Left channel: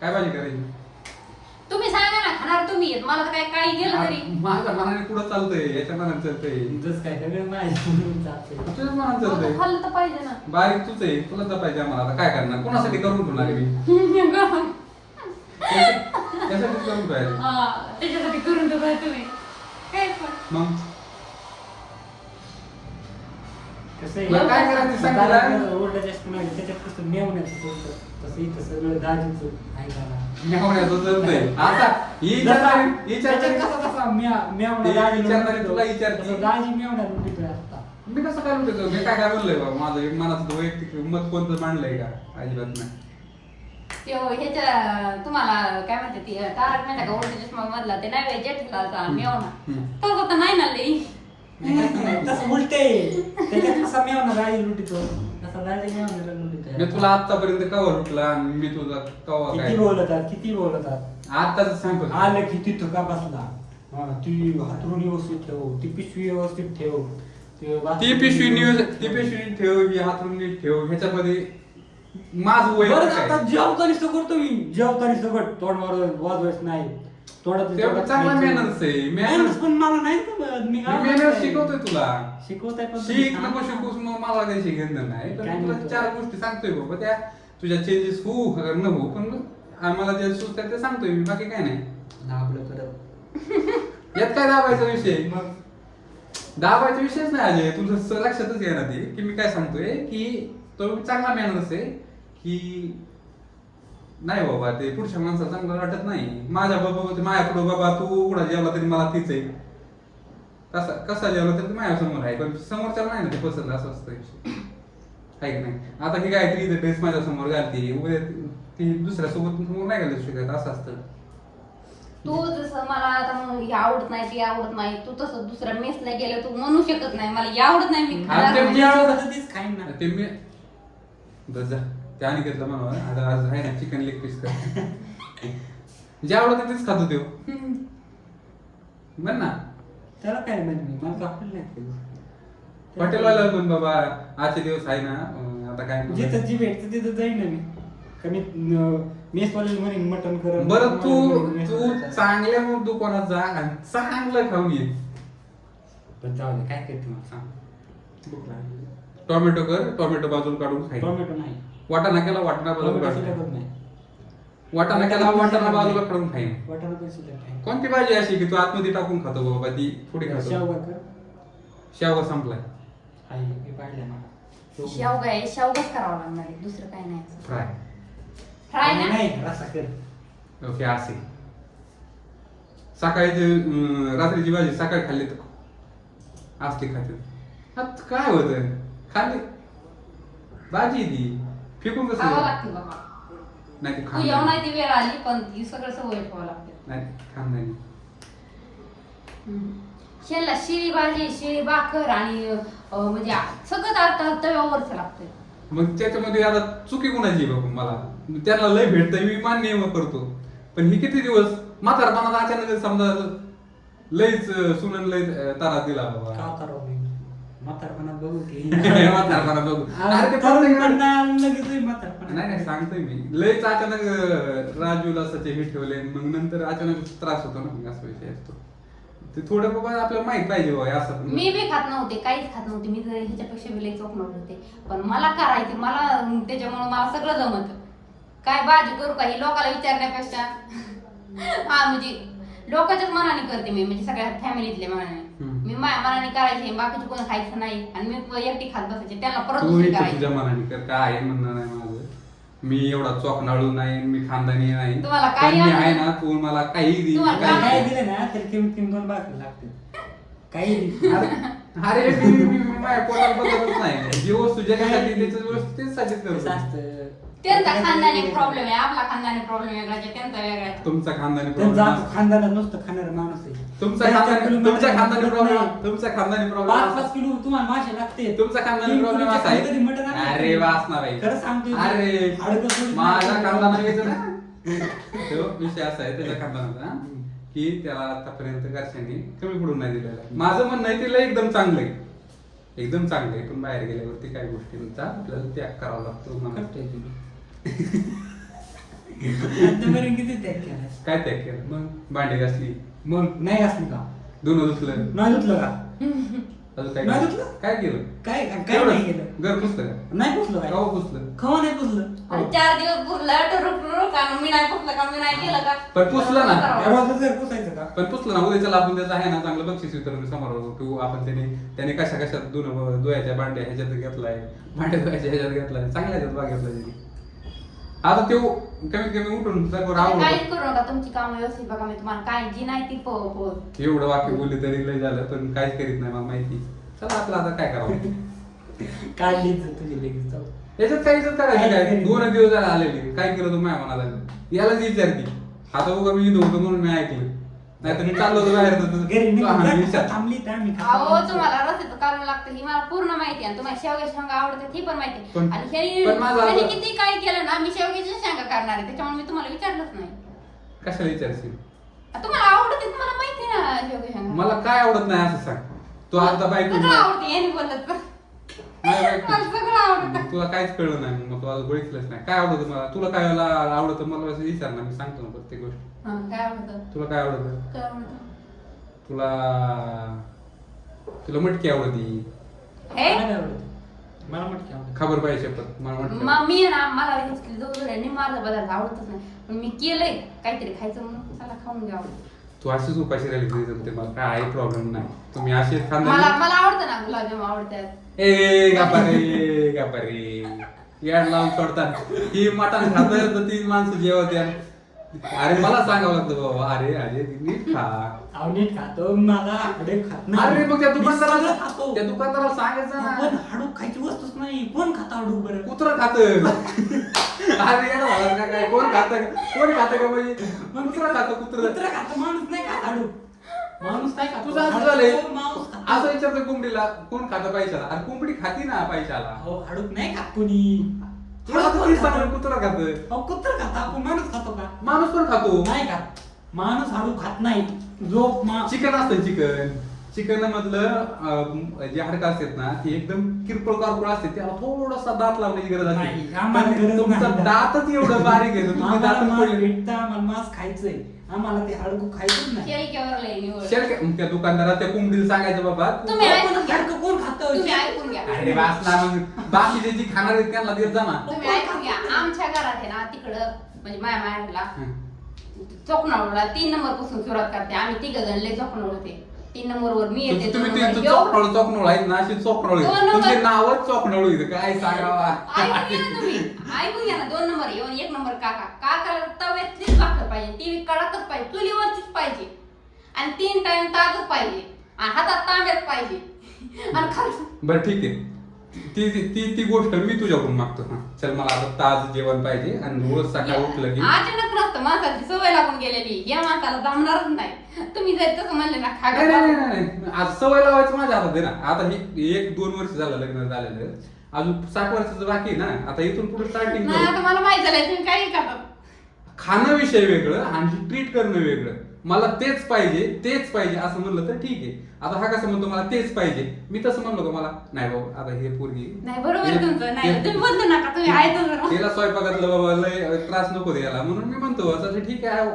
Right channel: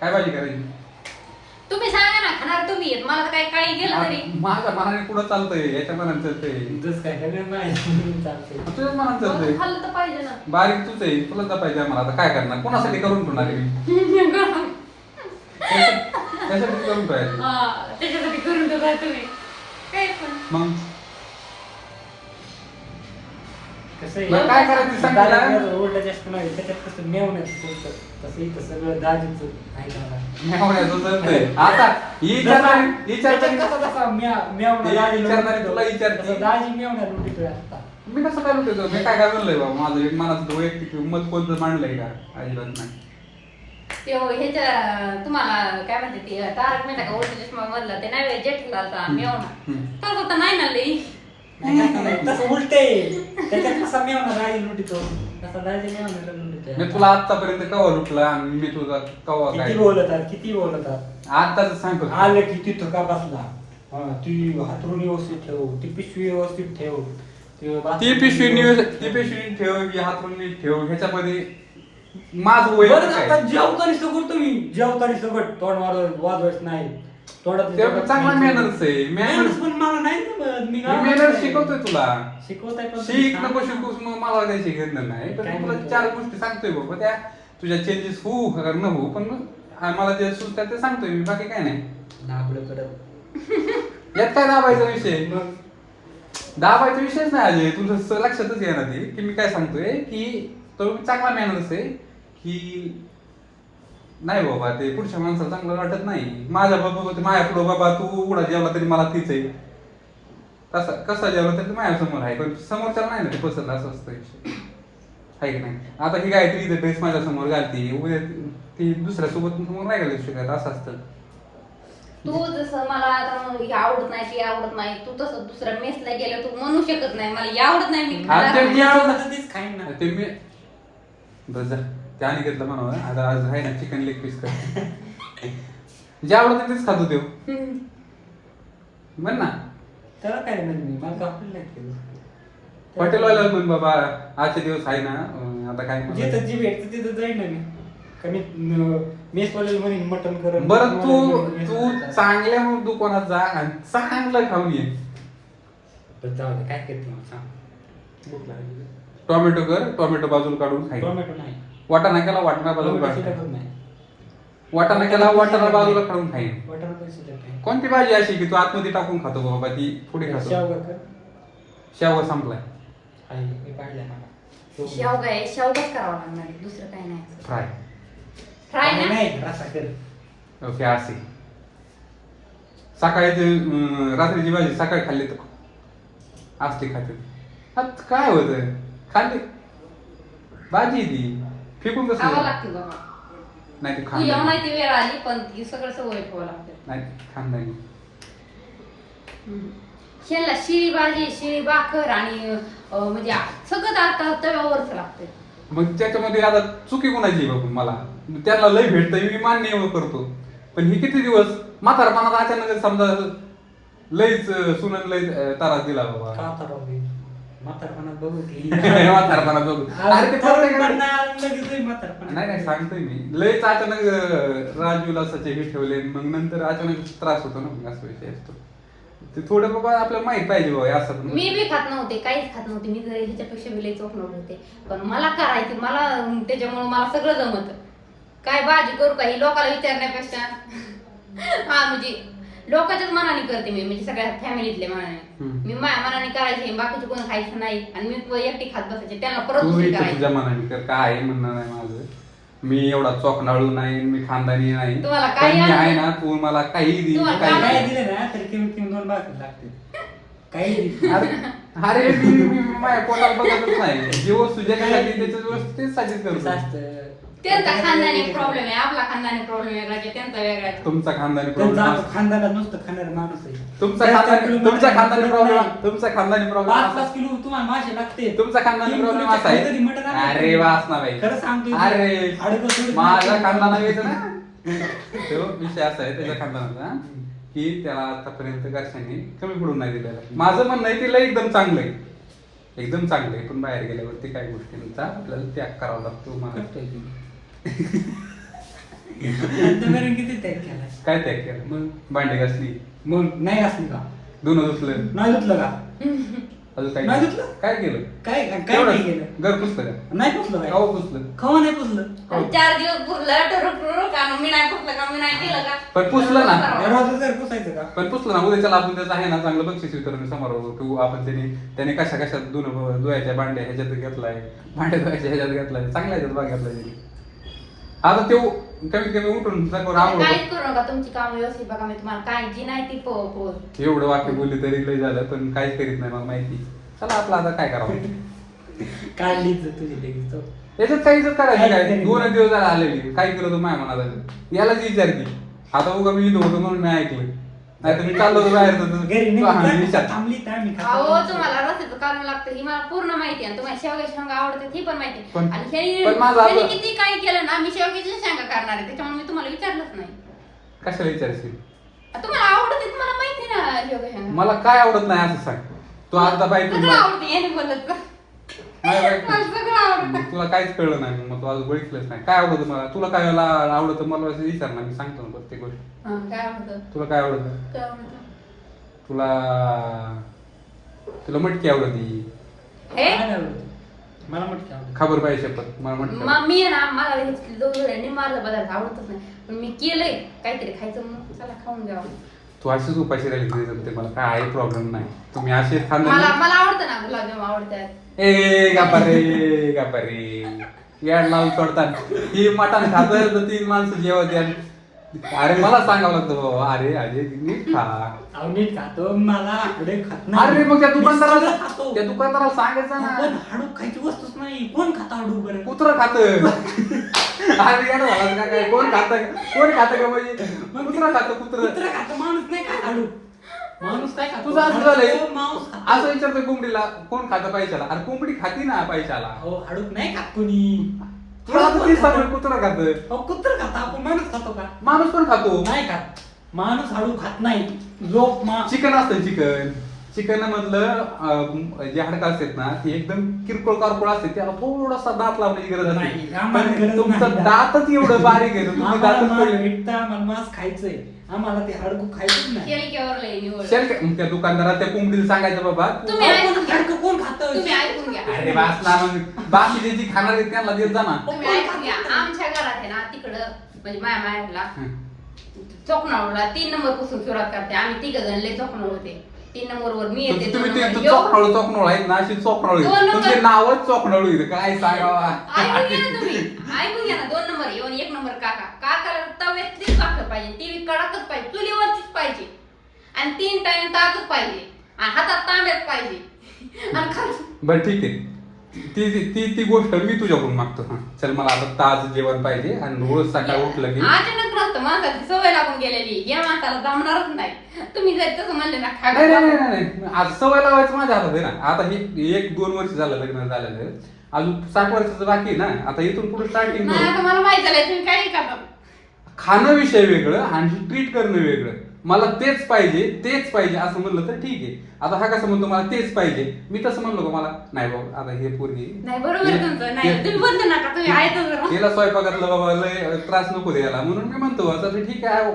काय भाजी करायची? तुम्ही सांगा ना खाणार तुम्ही. आहेत. मला तर काही काही गेलं तरी. आ- माझ्या मनाने पुढं चालतंय याच्या मनाने चालतंय. जस काय माहिती म्हणून चालतंय. तुझ्याच मनाने चालतंय. खाल्लं तर पाहिजे ना. बारीक तूच आहे तुला जपायचं आम्हाला. आता काय करणार? कोणासाठी करून ठेवणार आहे मी? त्यासाठी करून ठेवायचं. हा, त्याच्यासाठी करून देताय तुम्ही. काय पण मग? मग काय करायचं सांग मला. मेवण्याचं चालतंय आता ही विचारणारी ही विचारणारी विचारणारी लुटतो. तुला विचारते. आता. मी कसं काय म्हणतो मी काय काय म्हणलंय बाबा माझं एक मनाचं वैयक्तिक मत कोणतं मांडलंय का? अजिबात नाही. ते हो, ह्याच्या तुम्हाला काय म्हणते ते तारक मेहता का उलट चष्मा मधला ते नाही जेठलालचा मेवना हम्म. तो तर नाही ना लई. कसा लुटितो दाजी मेवण्याला मी तुला आतापर्यंत कवा लुटला आणि मी तुझा कवा काय? किती बोलतात किती बोलतात? आताच सांगतो. आलं की तिथं का बसला? हा, ती हातरून व्यवस्थित ठेव ती पिशवी व्यवस्थित ठेव. ते बाथरूम पिशवी ती. पिशवी ठेव ही हातरून नीट ठेव. ह्याच्यामध्ये माझं बरं आता आहे जेवतानी सगळं तुम्ही जेवतानी सगळं तोंड मारत वाजवायच नाही. तोंडात चांगला मॅनर्स आहे. मॅनर्स मॅनर्स पण मला नाही ना बरं. मी मॅनर्स आहे. शिकवतोय तुला. शिकवताय पण शिक नको. शिकूस मग मला नाही पण काय तुला म्हणतो? चार गोष्टी सांगतोय बाबा त्या तुझ्या चेंजेस होऊ का न होऊ पण मला जे सुचतात ते सांगतोय मी बाकी काय नाही. दाबलं परत यात काय दाबायचा विषय? मग दाबायचा विषयच नाही अजय तुझं स- लक्षातच येणार ते की मी काय सांगतोय? की तो चांगला मॅनर्स आहे की नाही बाबा ते पुढच्या माणसाला चांगलं वाटत नाही. माझ्या बाबा होते माझ्या पुढं बाबा तू उघडा जेवला तरी मला तीच आहे. कसा कसा जेवला तरी माझ्यासमोर आहे पण समोरच्याला नाही ना ते पसंत असं असतं. आहे की नाही? आता ही गायत्री इथे ड्रेस माझ्यासमोर घालती. उद्या ती दुसऱ्या सोबत समोर नाही घालू शकत असं असतं. तू जसं मला आता हे आवडत नाही ते आवडत नाही तू तसं दुसऱ्या मेसला गेलं तू म्हणू शकत नाही मला हे आवडत नाही मी खाणार आवडतं खाईन ना. ते मी बरं जा. ते आणि घेतलं म्हणा आता आज आहे ना चिकन लेग पीस कर. जे आवडतं तेच खातो देव हम्म. म्हण ना. त्याला काय म्हणजे मला कापलं नाही केलं हॉटेलवाला पण बाबा आजचे दिवस आहे ना अं, आता काय? जिथं जी भेटतं तिथं जाईन ना मी. कमी मेसवाल्याला म्हणेन मटन कर बरं तू तू चांगल्या दुकानात जा आणि चांगलं खाऊन ये. काय करतो सांग. भूक लागली. टोमॅटो कर टोमॅटो बाजूला काढून खाई. टोमॅटो नाही. वाटाणा केला वाटाणा बाजूला टोमॅटो काढून. नाही. वाटाणा केला वाटाणा बाजूला काढून खाईन वाटाणा पण शिल्लक नाही. कोणती भाजी अशी की तू आतमध्ये टाकून खातो बाबा ती पुढे खातो? शेवगा कर. शेवगा संपलाय. आहे मी पाहिलंय मला. शेवगा आहे शेवगाच करावा लागणार आहे, दुसरं काय नाही. फ्राय. फ्राय नाही, ना? नाही रस्सा कर. ओके असे. सकाळी ते अं, रात्रीची भाजी सकाळी खाल्ली तर असते खाते. आत काय होत खाल्ली भाजी ती. फेकून खावं कसं लागते बाबा. नाही ते तू खांदा जेवण आहे ती वेळ आली पण ती सगळं सवय ठेवावं लागते. नाही खांदानी शेणला शिळी भाजी शिळी भाकर आणि अं, म्हणजे सगळं आता तव्यावरच लागतंय. मग त्याच्यामध्ये आता चुकी कोणाची आहे बाबा मला? त्याला लय भेटतंय मी मान्य एवढं करतो. पण ही किती दिवस? म्हातारपणात अचानक समजा लईच अं, सुनन लय अं, तारा दिला बाबा. का करावं मी म्हातारपणात बघू की. म्हातारपणात बघू. अरे ते लगेच नाही नाही सांगतोय मी. लयच अचानक अं, राजूला सचे हे ठेवले मग नंतर अचानक त्रास होतो ना मग असा विषय असतो. ते थोडं बाबा आपल्याला माहीत पाहिजे बाबा हे असं पण. मी बी खात नव्हते काहीच खात नव्हते. मी जर ह्याच्यापेक्षा बी लई चोख नव्हते पण मला करायचे मला अं, त्याच्यामुळे मला सगळं जमत. काय भाजी करू काही लोकांना विचारण्यापेक्षा? हा म्हणजे लोकांच्याच मनाने करते मी म्हणजे सगळ्या फॅमिलीतल्या मनाने. हम्म. मी माझ्या मनाने करायचे बाकीचे कोण खायचं नाही. आणि मी एकटी खात बसायचे त्यांना परत तू दुसरी इथं करायची. तुझ्या मनाने कर काय आहे म्हणणं नाही माझं. मी एवढा चोकनाळू नाही मी खानदानी नाही. तुम्हाला पण काही मी आहे? ना तू मला काही दे तुम्हाला काही काय दे. दिलं ना तरी किंमत दोन लागते. काही. अरे मी मी- मी माझ्या पोटात बघतच नाही. जी वस्तू जे लागते त्याच्याच वस्तू तेच करतो. असतं त्यांचा खानदानी प्रॉब्लेम आहे आपला खानदानी प्रॉब्लेम वेगळा आहे त्यांचा वेगळा आहे. तुमचा खानदानी त्यांचा प्रॉब्लेम खानदानात नुसतं खाणारा माणूस आहे. तुमचा चार- चार खानदानी किलो तुमचा खानदानी प्रॉब्लेम नाही. तुमचा खानदानी पाच प्रॉब्लेम पाच किलो तुम्हाला मासे लागते. तुमचा खानदानी तीन प्रॉब्लेम किलोच्या असा खाली कधी मटण आहे अरे नाही. वासना भाई खरं सांगतोय. अरे हाडकं सोडून माझा नाही. खानदाना घ्यायचं ना? तो विषय असा आहे त्याच्या खानदानाचा की त्याला आतापर्यंत घरच्यांनी कमी पडून नाही दिलेला. माझं म्हणणं आहे तिला एकदम चांगलं आहे. एकदम चांगलं आहे. पण बाहेर गेल्यावरती काही गोष्टींचा आपल्याला त्याग करावा लागतो मला करतोय. आतापर्यंत किती त्याग केला काय त्याग केलं? मग भांडी घासली. मग? नाही असली का? धुणं धुतलं नाही धुतलं का? अजून काय नाही धुतलं? काय केलं? काय काय. नाही केलं. घर पुसलं का? नाही पुसलं काय पुसलं. खवा नाही पुसलं. आणि चार दिवस पुसलं. टरुक टरुक का मग मी नाही पुसलं का? मी नाही केलं का? पण पुसलं ना. या रोजच घर पुसायचं का? पण पुसलं ना. उद्याच्याला आपण त्याचं आहे ना चांगलं बक्षीस वितरण समोर होतो. की आपण त्याने त्याने कशा कशा धुणं धुवायच्या भांड्या ह्याच्यात घेतलाय. भांड्या धुवायच्या ह्याच्यात घेतलाय. चांगल्या ह्याच्यात भाग घेतलाय त्याने. आता ते कमीत कमी उठून समोर आवडत काहीच करू नका तुमची काम व्यवस्थित बघा मी तुम्हाला काय जी नाही ती पो पो एवढं वाक्य बोलली तरी लय झालं पण काहीच करीत नाही मला माहिती. चला आपलं आता काय करावं? काढलीच तुझी लगेच जाऊ. याच्यात काही जर करायचं काय? काय? दोन दिवस झाले आलेली. काय केलं तर माया मनात यालाच विचारती आता उगा मी इथं होतो म्हणून मी ऐकलं. नाही चाललो घरी तू हा, नाही. थांबली तर आम्ही खातो. अहो तुम्हाला रस्त्याचं कारण लागतं ही मला पूर्ण माहिती आहे आणि तुम्हाला शेवग्याची शेंगा आवडतात ही पण माहिती आहे. पण- आणि ह्यानी पण माझं ह्यानी आवड- किती काही केलं ना मी शेवग्याची शेंगा करणार आहे त्याच्यामुळे मी तुम्हाला विचारलंच नाही कशाला विचारशील आ, तुम्हाला आवडते तुम्हाला माहिती आहे ना शेवग्या शेंगा मला काय आवडत नाही असं सांग तू आता बाईक सगळं आवडते याने बोलत तर. नाही सगळं आवडतं. तुला काहीच कळलं नाही मग तू आज बघितलंच नाही. काय आवडतं मला? तुला काय आवडतं मला असं विचार ना मी सांगतो ना प्रत्येक गोष्ट. हा, काय आवडतं? तुला काय आवडतं? काय आवडतं? तुला तुला मटकी आवडती. हे? मला नाही आवडत. मला मटकी आवडते. खबर पाहिजे शपथ मला मटकी मी आहे ना मला हे जवळ निमारलं पदार्थ आवडतच नाही. पण मी केलंय काहीतरी खायचं म्हणून चला खाऊन घ्यावं. तू अशीच उपाशी राहिली तरी जमते मला काय आहे प्रॉब्लेम नाही. तुम्ही असे मला खांदा मला आवडतं ना गुलाबजाम आवडतात. ए गापारे गापारे या नाल सोडतात ती मटण खात तर तीन माणसं जेवत्या अरे मला सांगावं लागतं बाबा. अरे अरे नीट खा. अहो, नीट खातो. मला आडे खात नाही. अरे मग त्या दुकानदाराला खातो. त्या दुकानदाराला सांगायचं पण ना हाडूक खायची वस्तूच नाही. कोण खाता हाडूक बरं? कुत्र खात. अरे यार झालं काय? कोण खात? कोण खात का म्हणजे कुत्र खात कुत्र. कुत्रा खातो माणूस नाही खात हाडूक माणूस काय खातो? तुझं असं झालंय. हाडूक खातो. असं विचारतं कोंबडीला कोण खातं पैशाला? अरे कोंबडी खाती ना पैशाला? अहो हाडूक नाही खात कोणी. तुला तेच सांगतोय, कुत्र खात? अहो कुत्र खाता. आपण माणूस खातो का? माणूस पण खातो? नाही खात. माणूस हाडूक खात नाही. जो मा चिकन असतं चिकन. चिकन मधलं जे हाडकं असतात ना ती एकदम किरकोळ कारकोळ असते त्याला थोडासा दात लावण्याची गरज नाही, असते आम्हाला पण तुमचं नाही. दातच एवढं बारीक आहे तुम्ही आम्हाला दातच मांस पडले. भेटतं आम्हाला मांस खायचंय. आम्हाला ते हाडकू खायचंच नाही. केळीकेवर लय निवड. शेल का- मग त्या दुकानदारात त्या कोंबडीला सांगायचं बाबा तू- तुम्ही ऐकून आपण हाडकं कोण खातं? तुम्ही ऐकून घ्या. अरे वाचणार मग बाकी जे खाणार आहेत त्यांना देत जा ना. तुम्ही ऐकून घ्या. आमच्या घरात आहे ना तिकडं म्हणजे माझ्या माहेरला हं. चोकणावला तीन नंबरपासून सुरुवात करते. आम्ही तिघ जण लय चोकणावर होते. तीन नंबर वर मी येते दोन तुम्ही ते नंबर यो. आहेत ना अशी दोन नंबर. तुमचे नावच चोकनळ इथं. काय सांगावा? ऐकून घ्या ना तुम्ही. ऐकून घ्या ना. दोन नंबर येऊन एक नंबर काका. काकाला तव्यातलीच भाकर पाहिजे. टीव्ही कडकच पाहिजे. चुलीवरचीच पाहिजे. आणि तीन टाइम ताकच पाहिजे. आणि हातात तांब्यात पाहिजे. आणि खाली बरं ठीक आहे. ती ती ती गोष्ट मी तुझ्याकडून मागतो. हा चल मला आता ताज जेवण पाहिजे आणि रोज सकाळ उठलं की अचानक नसतं माणसाची सवय लागून गेलेली. या माणसाला जमणारच नाही. तुम्ही जर तसं म्हणले ना खा नाही नाही नाही, नाही नाही. आज सवय लावायची माझ्या हातात आहे ना. आता हे एक दोन वर्ष झालं लग्न झालेलं. आहे. अजून सात वर्षाचं बाकी आहे ना. आता इथून पुढे स्टार्टिंग नाही आता मला माहीत झालंय तुम्ही काही खाता खाणं विषय वेगळं आणि ट्रीट करणं वेगळं. मला तेच पाहिजे तेच पाहिजे असं म्हणलं तर ठीक आहे. आता हा कसं म्हणतो मला तेच पाहिजे. मी तसं म्हणलो का मला? नाही बाबा आता हे पोरगी नाही बरोबर आहे तुमचं. नाही तुम्ही म्हणतो नका तुम्ही ऐकतो जरा. तिला स्वयंपाकातला बाबा लय त्रास नको द्यायला. म्हणून मी म्हणतो आता ते ठीक आहे.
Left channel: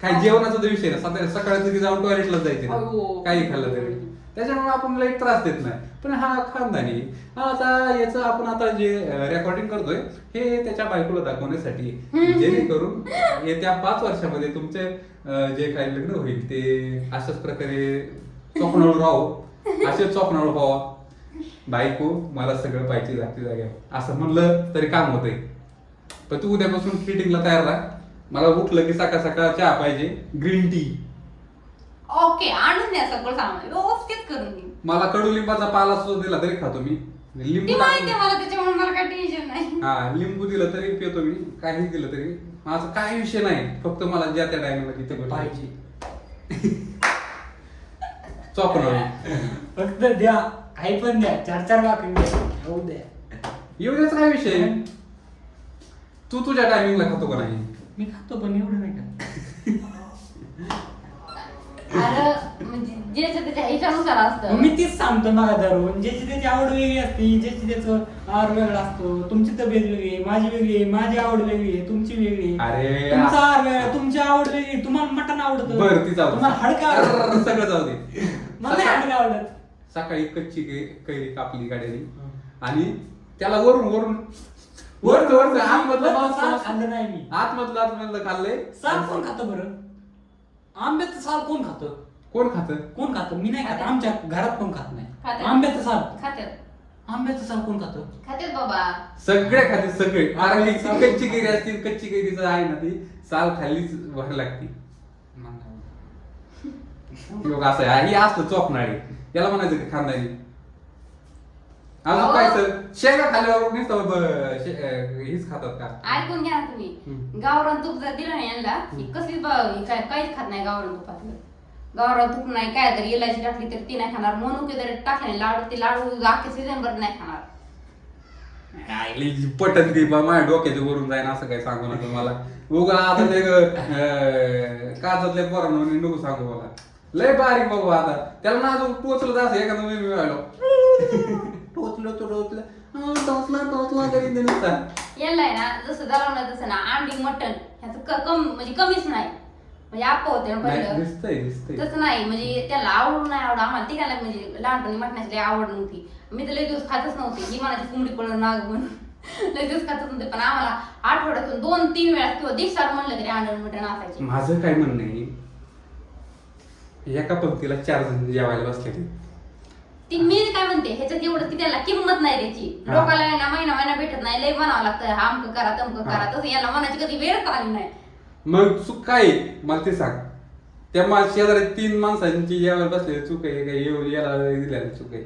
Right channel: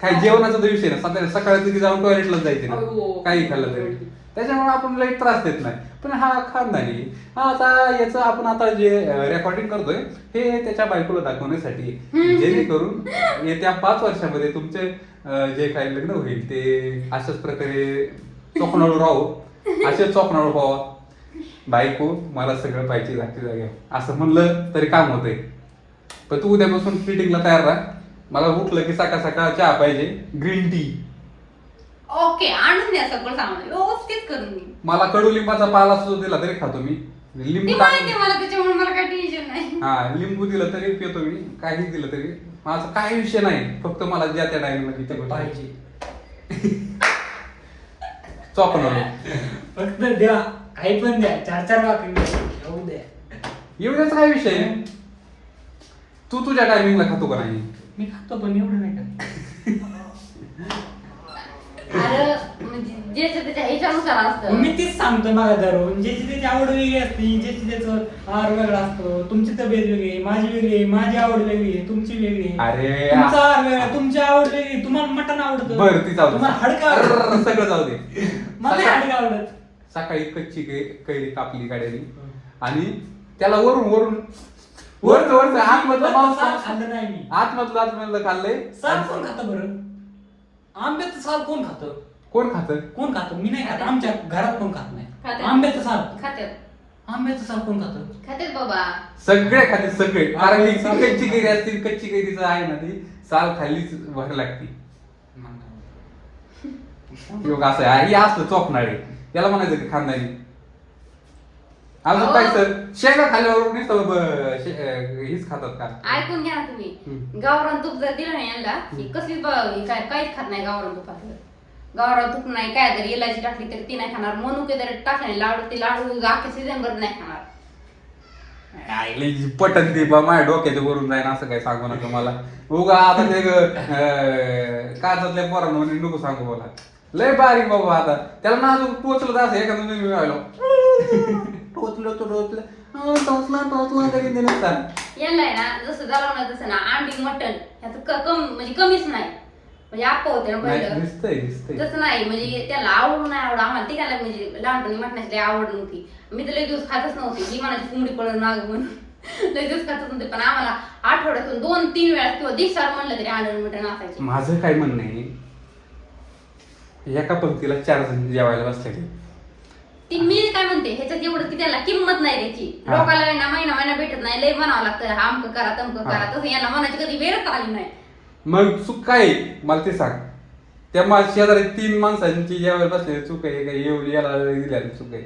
काही जेवणाचा तर विषय ना सकाळी सकाळी तिथे जाऊन टॉयलेटला जायचे. हो. काही खाल्लं तरी. त्याच्यामुळे आपण लई त्रास देत नाही. पण हा खानदानी हा आता याचं आपण आता जे रेकॉर्डिंग करतोय हे त्याच्या बायकोला दाखवण्यासाठी. जेणेकरून येत्या पाच वर्षामध्ये तुमचे जे काही लग्न होईल ते अशाच प्रकारे चोकणाळू राहो. असे चोकणाळू व्हावा. बायको मला सगळं पाहिजे जागच्या जागे. असं म्हणलं तरी काम होतंय. पण तू उद्यापासून फिटिंगला तयार राहा. मला उठलं की सकाळ सकाळ चहा पाहिजे. ग्रीन टी ओके आणून द्या सगळं सामान व्यवस्थित करून. मला कडुलिंबाचा पाला सुद्धा दिला तरी खातो मी. लिंबू ती माहिती आहे टाकून मला त्याच्यामुळे मला काही टेन्शन नाही. हा लिंबू दिलं तरी पितो मी. काही दिलं तरी. माझा काही विषय नाही. फक्त मला ज्या त्या टाइमला पाहिजे. चॉकनळ फक्त द्या. काही पण द्या. चार चार भाकरी घेऊ द्या. एवढाच काय विषय? तू तुझ्या टायमिंगला खातो का नाही? मी खातो पण एवढं नाही का असतं. मी तीच सांगतो मला धरून. ज्याची त्याची आवड वेगळी असते ज्याची त्याचं आहार वेगळा असतो तुमची तब्येत वेगळी आहे माझी वेगळी आहे माझी आवड वेगळी आहे तुमची वेगळी आहे. अरे तुमचा आहार वेगळा आहे, तुमची आवड वेगळी आहे. तुम्हाला मटण आवडतं. बरं ती चालू तुम्हाला हडका आवडतं. सगळं जाऊ दे. मला नाही हडका आवडत. सकाळी कच्ची कै- कैरी कापली गाड्याने. आणि त्याला वरून वरून वरून वरून आतमधलं मांस- साल खाल्लं नाही मी. आतमधलं आतमधलं खाल्लंय. साल कोण खातं बरं? आंब्याचं साल कोण खातं? कोण खात? कोण खातं? मी नाही खात. आमच्या घरात कोण खात नाही. खातात. आंब्याचं साल. खात्यात आंब्याचं साल कोण खातं? खात्यात बाबा. सगळे खाते सगळे. कारण की कच्ची कैरी असतील कच्ची कैरीचं आहे ना ती. साल खाल्लीच भर लागती. योग असं आहे? हे असलं चोकनाळे त्याला म्हणायचं की खानदानी अजून अहो. काय सर? शेंगा खाल्ल्यावर ब- शे- अं, हीच खातात का? ऐकून घ्या ना तुम्ही. हम्म. गावरान तूप जर दिलं ना यांना की कसली ब- हे काय काहीच खात नाही गावरान तुपातलं. गावरान तूप नाही काय जरी इलायची टाकली तरी ती नाही खाणार. मनुके जरी टाकले लाडू ते लाडू अख्ख्या सीझन भर नाही खाणार पटन ती बा माझ्या डोक्याच्या वरून जाईन असं काय सांगू नका मला. उगा आता ते काचातल्या पोरांना म्हणे नको सांगू मला. लय बारीक बाबा आता. त्याला ना अजून टोचलं असं एखादं मी मिळालो. टोचलं तो टोचलं. टोचलं टोचलं तरी ते आहे ना जसं जालवणार तसं ना अंडी मटण ह्याचं कम म्हणजे कमीच नाही. म्हणजे आप्पा होते ना नाही, पहिलं. दिसतंय दिसतंय. तसं नाही म्हणजे त्याला आवड नाही आवड आम्हाला तिघांना म्हणजे लहानपणी मटणाची काही आवड नव्हती. मी तर लय दिवस खातच नव्हती. ही म्हणायची कोंबडी पडून नाग म्हणून. लय दिवस खातच नव्हते. पण आम्हाला आठवड्यातून दोन तीन वेळा किंवा दिवसार म्हणलं तरी अंडण मटण असायचं माझं काय म्हणणं आहे एका पंक्तीला चार जण जेवायला बसले ती. मी काय म्हणते ह्याच्यात एवढं ती त्याला किंमत नाही त्याची. हा. आहे ना महिना महिना भेटत नाही. लय म्हणावं लागतं हा अमकं करा तमकं करा. हा. तसं याला म्हणायची कधी वेळच आली नाही. मग चूक काय आहे? मला ते सांग त्या माझ्या शेजारी तीन माणसांची जेवायला बसलेली चूक आहे का येऊ याला दिलेली चूक आहे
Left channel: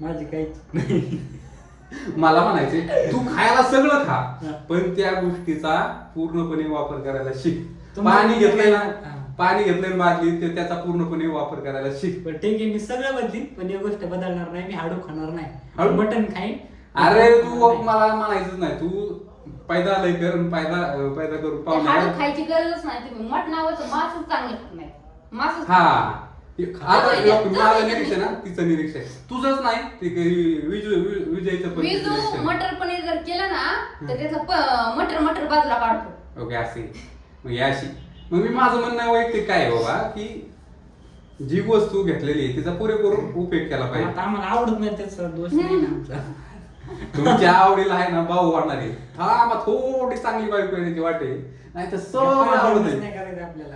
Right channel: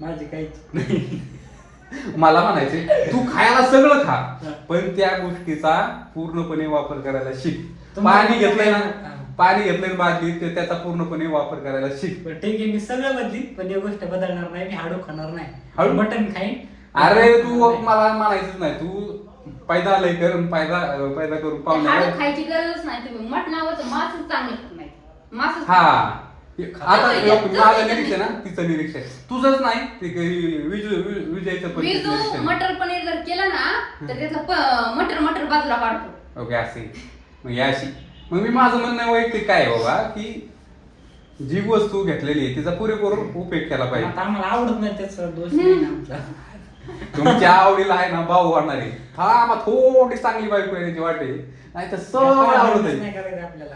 माझी काही मला म्हणायचे तू खायला सगळं खा. पण त्या गोष्टीचा पूर्णपणे वापर करायला शिक पाणी घेतलंय काय? ना. पाणी घेतलंय ना बादलीत ते त्याचा पूर्णपणे वापर करायला शिक बरं, ठीक आहे मी सगळं बदलीन पण एक गोष्ट बदलणार नाही मी हाडू खाणार नाही हाडू? मटन खाईन अरे तू नाही. मला म्हणायचंच नाही तू पैदा लय कर पैदा पैदा करून पाहुणे हाडू कर. खायची गरजच नाही तुम्ही मटणावर मासच चांगले नाही मासच हा. आता माझं निरीक्षण आहे, तिचं निरीक्षण तुझंच नाही ते काही विजय विजयचं पण मी जो निरीक्षण. मटर पनीर जर केलं ना तर त्याचं प- मटर मटर बाजूला काढतो ओके असे मग अशी. मग मी माझं म्हणणं वैयक्तिक काय आहे बाबा की जी वस्तू घेतलेली आहे तिचा पुरेपूर उपयोग केला पाहिजे. आता आम्हाला आवडत नाही त्याचा दोष नाही ना आमचा. तुमच्या आवडीला आहे ना भाऊ वाढणार हा मग थोडी चांगली बायको आहे त्याची वाटे. नाही तर सगळं आवडत नाही. करायचं आपल्याला.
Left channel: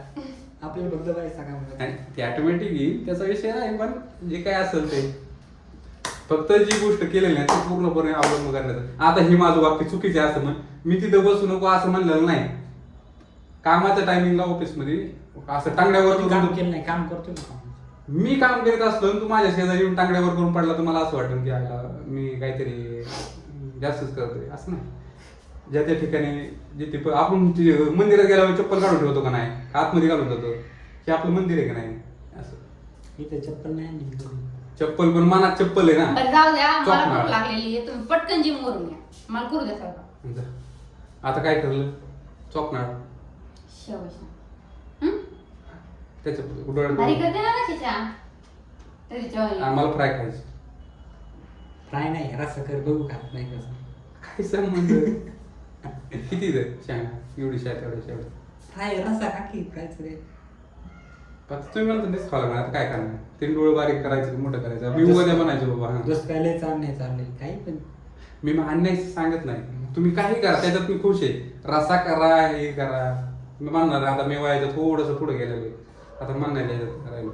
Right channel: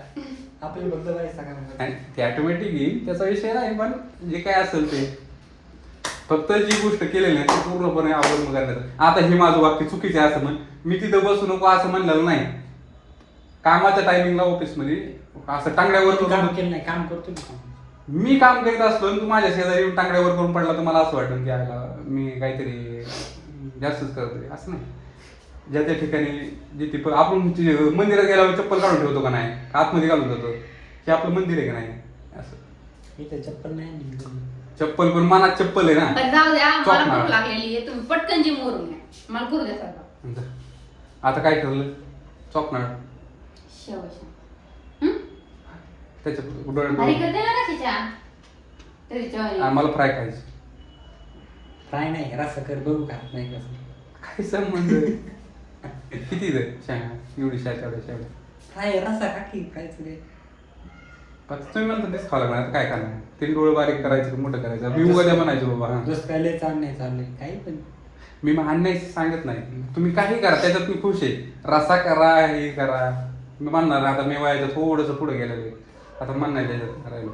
आपल्याला पैसा कमवायचा. आणि ते ऑटोमॅटिक येईल त्याचा विषय नाही पण जे काय असेल ते. फक्त जी गोष्ट केलेली आहे ती पूर्णपणे आवडून करण्याचं आता हे माझं वाक्य चुकीचे असं म्हण मी तिथं बसू नको असं म्हणलेलं नाही. कामाच्या टायमिंगला ऑफिसमध्ये असं टांगड्यावर काम केलं नाही काम करतो की मी काम करीत असलो आणि तू माझ्या शेजारी येऊन टांगड्यावर करून पडला तर मला असं वाटेल की आयला मी काहीतरी जास्तच करतोय असं नाही. ज्या त्या ठिकाणी जिथे प- आपण ते मंदिरात गेल्यावर चप्पल काढून ठेवतो का नाही? का आतमध्ये घालून जातो? हे आपलं मंदिर आहे का नाही? असं. इथे चप्पल नाही. चप्पल पण मनात चप्पल आहे ना? बरं जाऊ द्या मला चोपणार. भूक लागलेली आहे. तुम्ही पटकन जिम वरून घ्या मला करू द्या सगळं आता काय ठरलं? चॉकणार हं? त्याच्या भारी डोळे करते ना कशाच्या तरी जेवायला. आम्हाला फ्राय खायची. फ्राय नाही रस्सा कर बघू का? नाही कसं काय संबंध? किती दे शेंगा एवढी शा तेवढ्या शेवढ्या फ्राय रस्सा का की? फ्रायचं काय पण तुम्ही म्हणता तेच खावं लागणार. आता काय करणार? तीन डोळे बारीक करायचं मोठं करायचं. मी उद्या म्हणायचो बाबा. हा. जसं काय लय चाललंय चाललंय. काही पण. मी आणण्याची सांगत नाही. तुम्ही काही करा त्याच्यात मी खुश आहे. रसा करा हे करा. मी म्हणणार आता मी वयाचं थोडस पुढे गेलेलं आहे. आता म्हणणार त्याच्यात करायला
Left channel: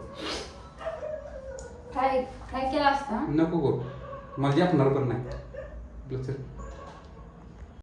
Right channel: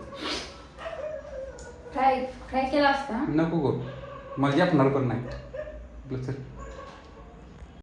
फ्राय फ्राय केला असता? नको करू. मला जपणार पण नाही